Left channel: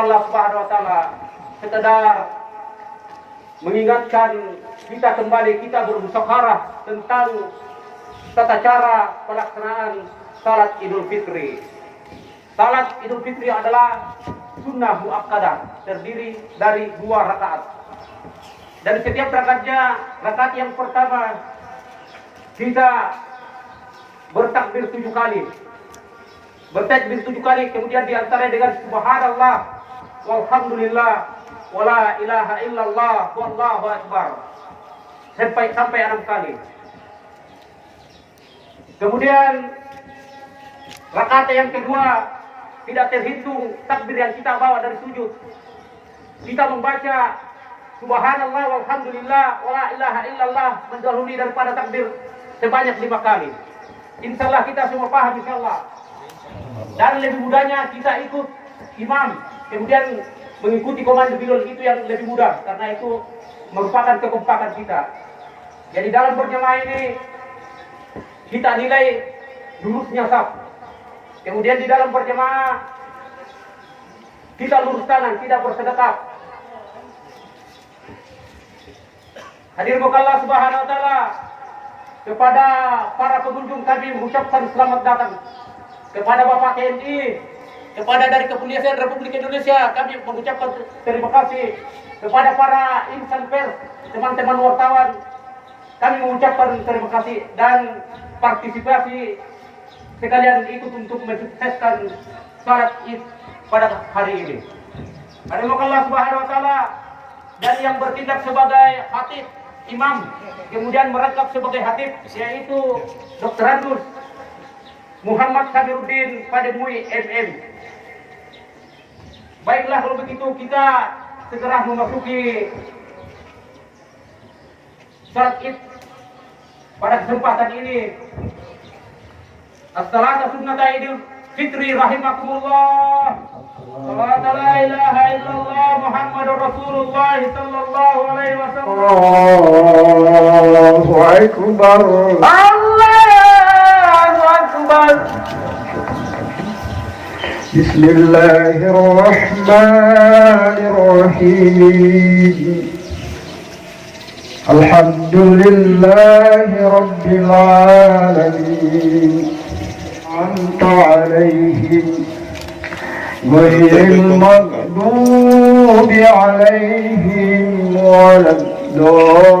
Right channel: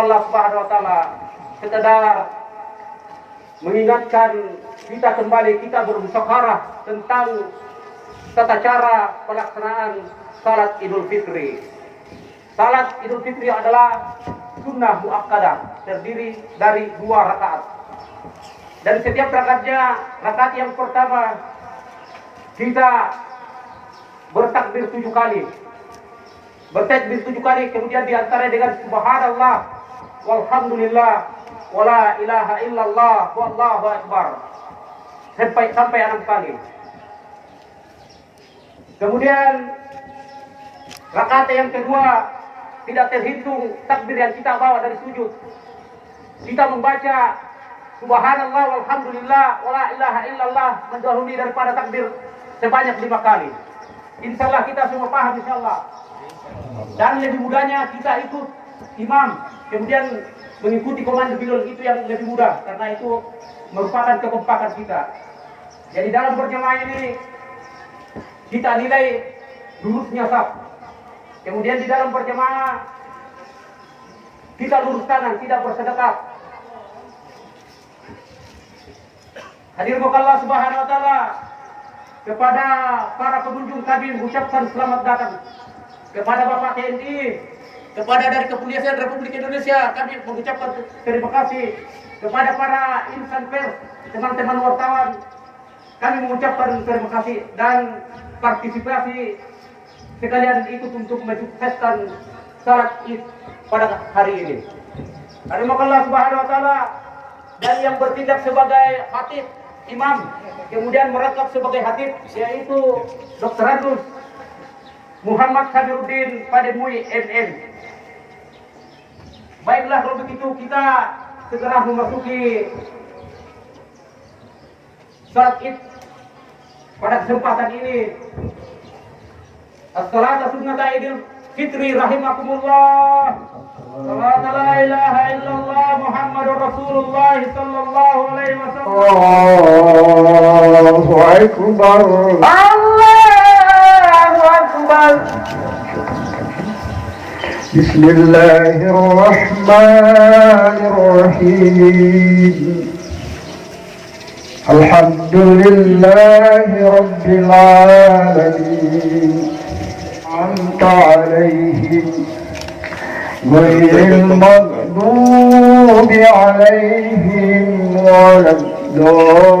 Allah Subhanahu wa taala sekedar mengingatkan kita kembali, kita bermusyawarah tentang tata cara pelaksanaan salat Idul Fitri. Salat Idul Fitri adalah sunnah muakkadah, terdiri dari 2 rakaat. Dan setiap rakaatnya, rakaat yang pertama kita bertakbir 7 kali. Bertakbir 7 kali, kemudian diantara dengan subhanallah walhamdulillah wala ilaha illallah wallahu akbar sampai 6 kali. Kemudian rakaat yang kedua tidak terhitung takbir yang kita bawa dari sujud. Kita membaca subhanallah walhamdulillah wala ilaha illallah mendahului daripada takbir sebanyak 5 kali. Insyaallah kita semua paham insyaallah. Dan lebih mudahnya kita ikut imam, kemudian mengikuti komando bilal itu yang lebih mudah karena itu merupakan kekompakan kita. Jadi dalam berjamaah ini kita nilai lurusnya saf. Kemudian di dalam berjamaah kita lurus kanan, tidak bersedekat. Hadirin Allah Subhanahu wa taala, kepada para pengunjung kami mengucapkan selamat datang. Kepada Bapak TNI, kepada dari Kepolisian Republik Indonesia kami mengucapkan terima kasih. Kepada para insan pers, teman-teman wartawan, kami mengucapkan terima kasih dan partisipasi sekalian ikut untuk mensukseskan salat Id pada hari ini. Terima Allah Subhanahu wa taala. Dan yang bertindak sebagai khatib, imam, kemudian merangkap sebagai khatib yaitu Dr. Andus Muhammad Sabiruddin Pademui MM. Baiklah kalau begitu kita segera memasuki salat Id pada kesempatan ini. As-salatu sunnata Idul Fitri rahimakumullah. Salat la ilaha illallah Muhammadur Rasulullah sallallahu alaihi wasallam. Allahu akbar. Allahu akbar. Bismillahirrahmanirrahim. Alhamdulillahi rabbil alamin. Anta alaihim ghairil maghdubi alaihim waladdallin.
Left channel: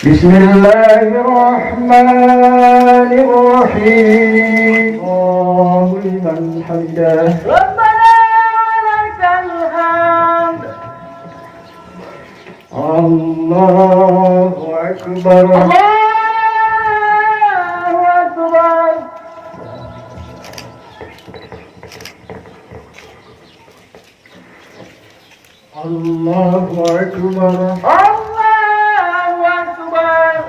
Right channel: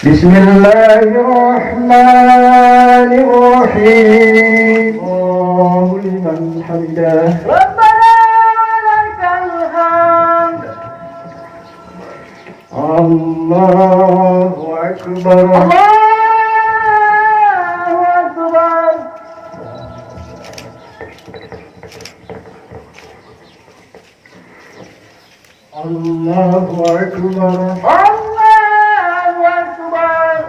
Bismillahirrahmanirrahim. Allahu liman hamidah. Rabbana lakal hamd. Allahu akbar. Allahu akbar. Allahu akbar. Allahu akbar.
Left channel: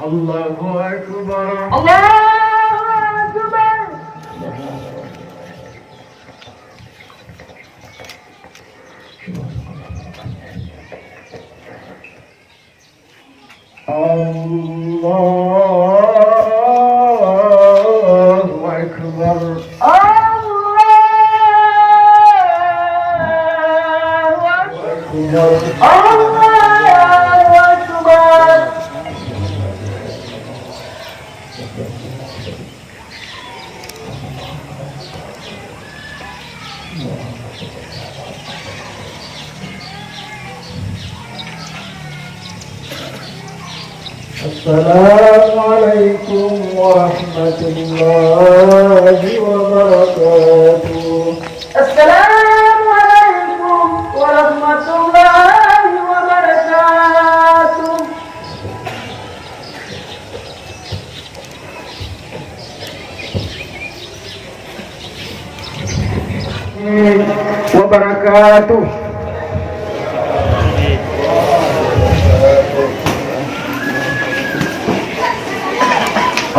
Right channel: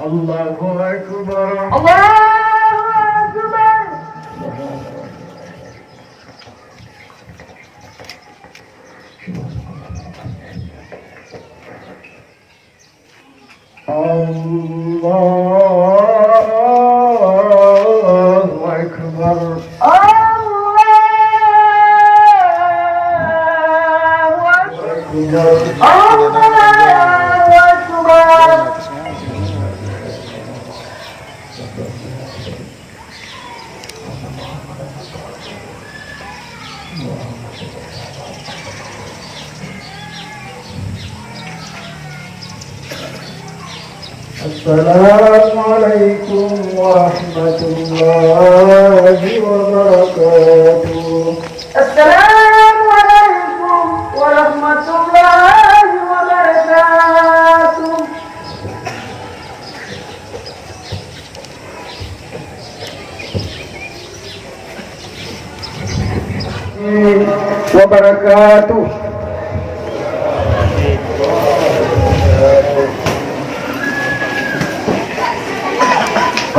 Allahu akbar. Allahu akbar. السلام عليكم ورحمة الله وبركاته. السلام عليكم ورحمة الله وبركاته. وبركاته.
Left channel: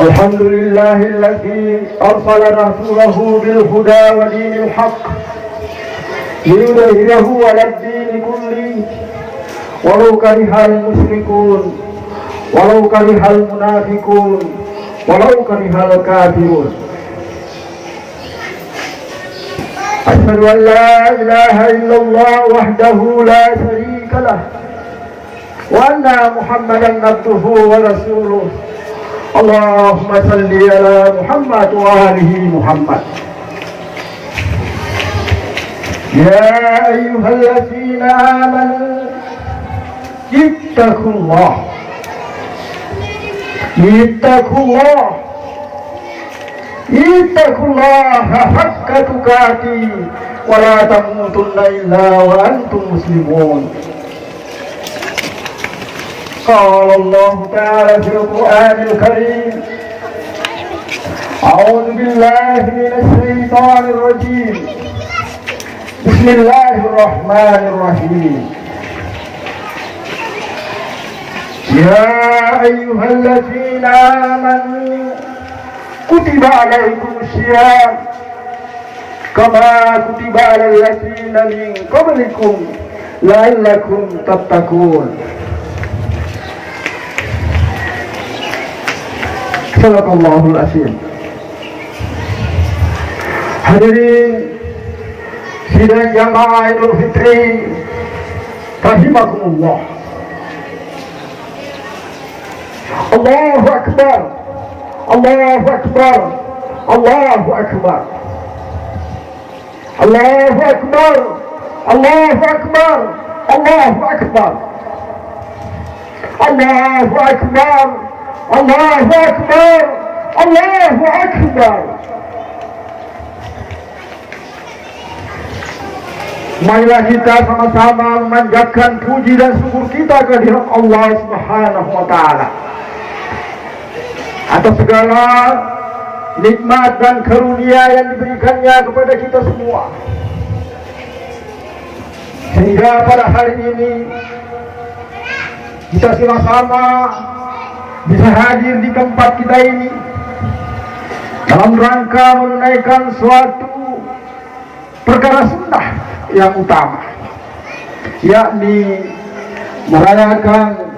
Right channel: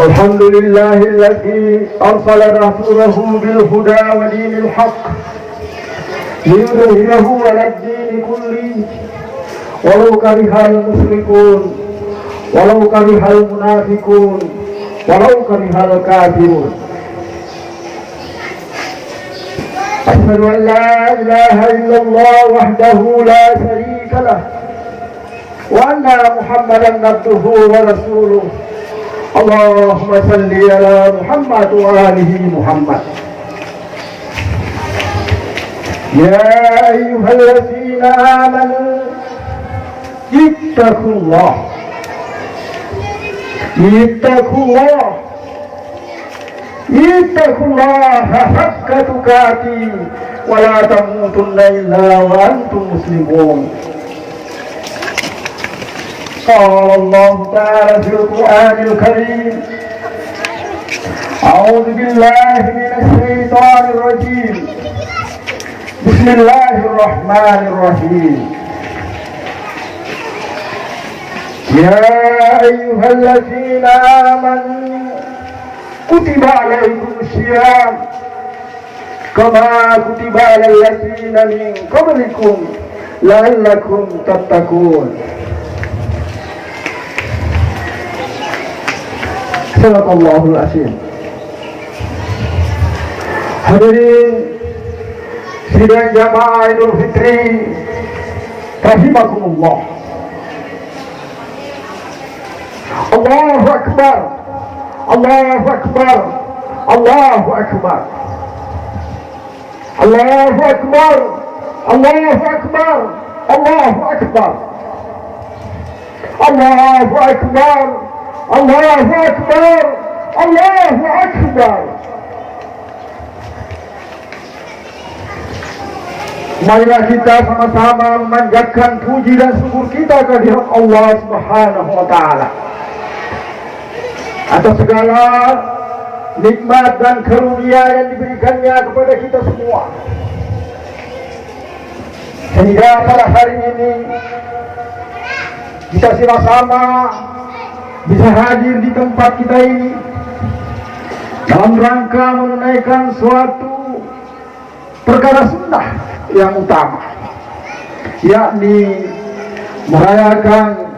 الحمد لله الذي أرسل رسوله بالهدى ودين الحق ليظهره على الدين كله ولو كره المشركون ولو كره المنافقون ولو كره الكافرون. أشهد أن لا إله إلا الله وحده لا شريك له وأن محمدا عبده ورسوله. اللهم صل على محمد وآله محمد. يا أيها الذين آمنوا اتقوا الله اتقوا الله حق تقاته ولا تموتن إلا وأنتم مسلمون. قال الله تعالى في القرآن الكريم: أعوذ بالله من الشيطان الرجيم. بسم الله الرحمن الرحيم. يا أيها الذين آمنوا كتب عليكم الصيام كما كتب على الذين من قبلكم لعلكم تتقون. Sadaqallahul azim. Hadirin sidang jamaah Idul Fitri rahimakumullah. Allahu Akbar, Allahu Akbar, Allahu Akbar, Allahu Akbar, Allahu Akbar, Allahu Akbar, Allahu Akbar, Allahu Akbar, Allahu Akbar. Marilah kita sama-sama memanjatkan puji dan syukur kita kehadirat Allah Subhanahu wa Ta'ala atas segala nikmat dan karunia yang diberikannya kepada kita semua, sehingga pada hari ini kita sama-sama bisa hadir di tempat kita ini dalam rangka menunaikan suatu perkara sunnah yang utama, yakni merayakan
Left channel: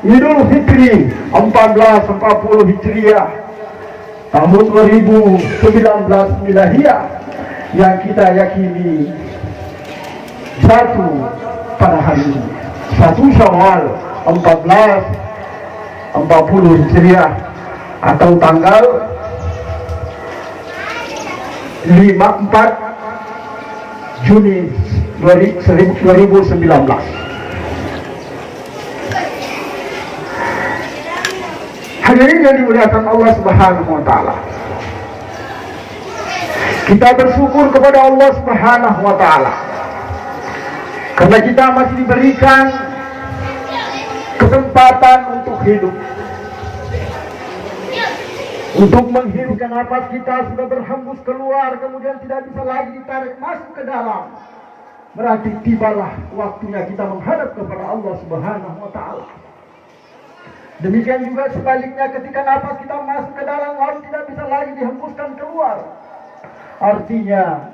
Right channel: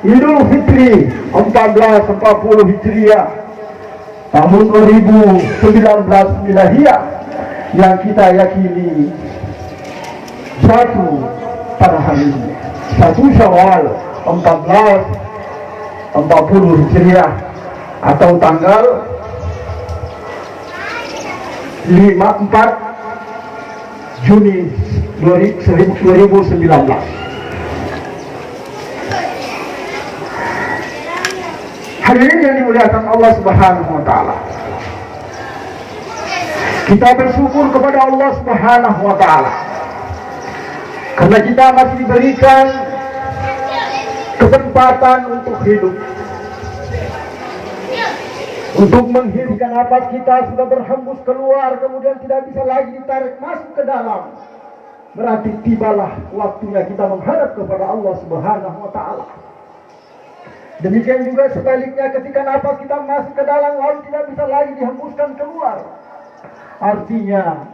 Idul Fitri 1440 Hijriah tahun 2019 Miladiah yang kita yakini jatuh pada hari ini 1 Syawal 1440 Hijriah atau tanggal 4 Juni 2019. Hadirin yang dimuliakan Allah Subhanahu wa Ta'ala, kita bersyukur kepada Allah Subhanahu wa Ta'ala karena kita masih diberikan kesempatan untuk hidup, untuk menghirupkan nafas kita sudah berhembus keluar, kemudian tidak bisa lagi ditarik masuk ke dalam. Berarti tibalah waktunya kita menghadap kepada Allah Subhanahu wa Ta'ala. Demikian juga sebaliknya, ketika nafas kita masuk ke dalam lalu tidak bisa lagi dihembuskan keluar, artinya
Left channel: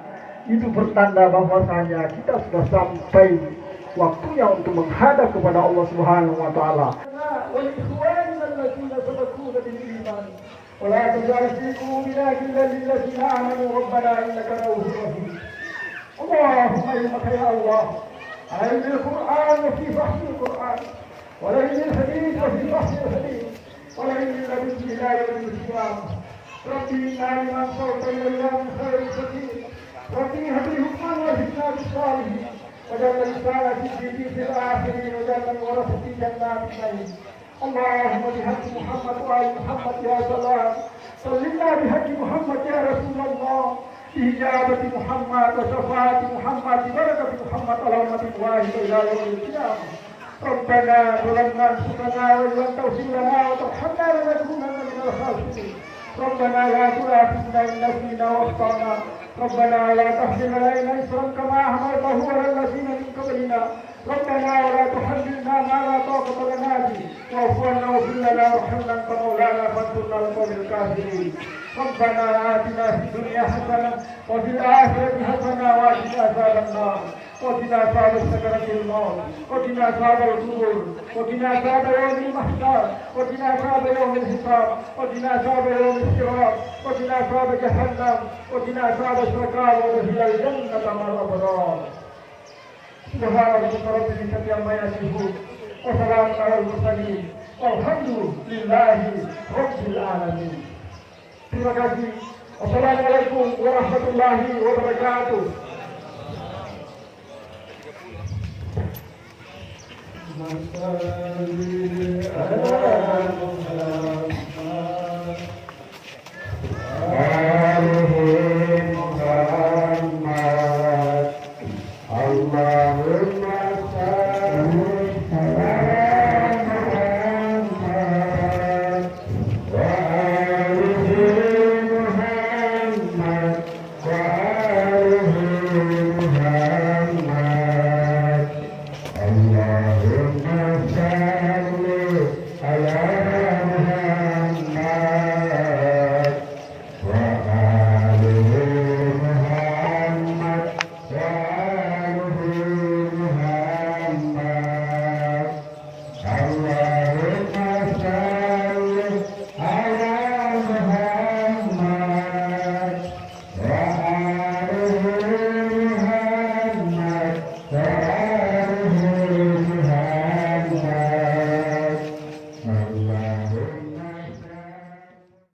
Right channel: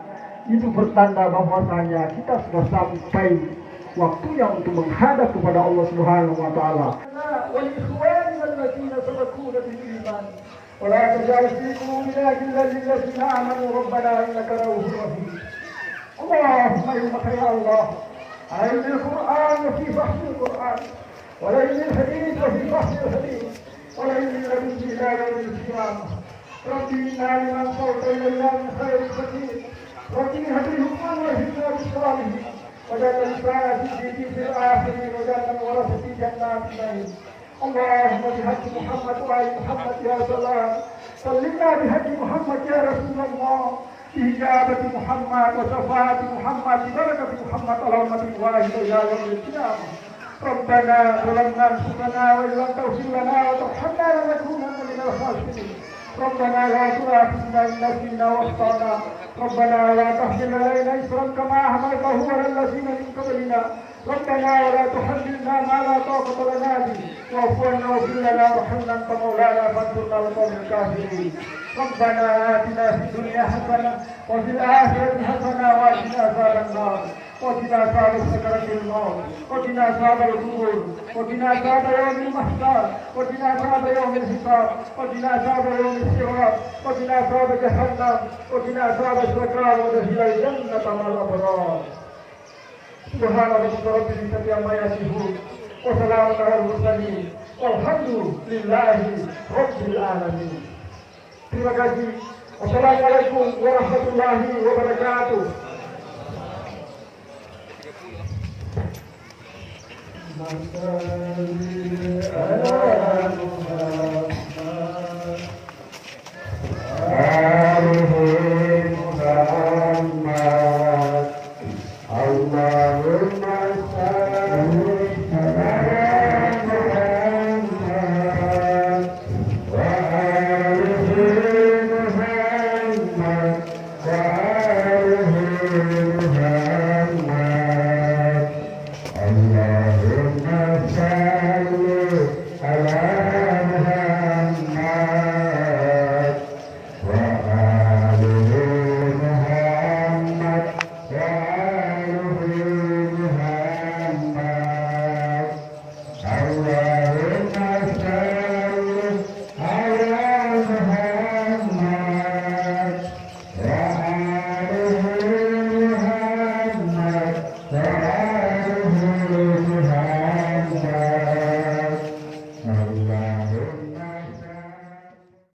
itu bertanda bahwasanya kita sudah sampai waktunya untuk menghadap kepada Allah Subhanahu wa Ta'ala. ولا تجعل في قلوبنا غلا للذين آمنوا ربنا إنك رؤوف رحيم. اللهم إنك يا الله علم القرآن وفي فحص القرآن، ولئن الحديث وفي فحص الحديث، ولئن الحديث إلى يوم القيامة. ربي إنا لمن صوت إلينا من خير كثير. ربي هب لي حكما وهبنا بالصالحين، وجعل لسان في الآخرين، وجعل ورثة جنات النعيم. اللهم بحق محمد وآل محمد يا سلام سلمنا بحق محمد يا رسول الله بإجابة محمد وشفاعة محمد ببركة محمد على أمة واحدة إلى يوم القيامة. ربنا ظلمنا أنفسنا وإن لم تغفر لنا وترحمنا لنكونن من الخاسرين. ربنا لا تؤاخذنا إن نسينا واخطأنا. ربنا ولا تحمل علينا إصرا كما حملته على الذين من قبلنا. ربنا ولا تحملنا ما لا طاقة لنا به واعف عنا واغفر لنا وارحمنا أنت مولانا فانصرنا على القوم الكافرين. ربنا آتنا في الدنيا حسنة وفي الآخرة حسنة وقنا عذاب النار وقنا عذاب سكرة الموت وقنا عذاب القبور وقنا عذاب يوم المحشر وقنا عذاب يوم الحساب وقنا عذاب يوم الصراط وقنا عذاب جهنم وقنا عذاب السكران وادخلنا الجنة مع الأبرار. سبحان ربك رب العزة عما يصفون وسلام على المرسلين والحمد لله رب العالمين. Terima kasih. Wassalamualaikum warahmatullahi wabarakatuh.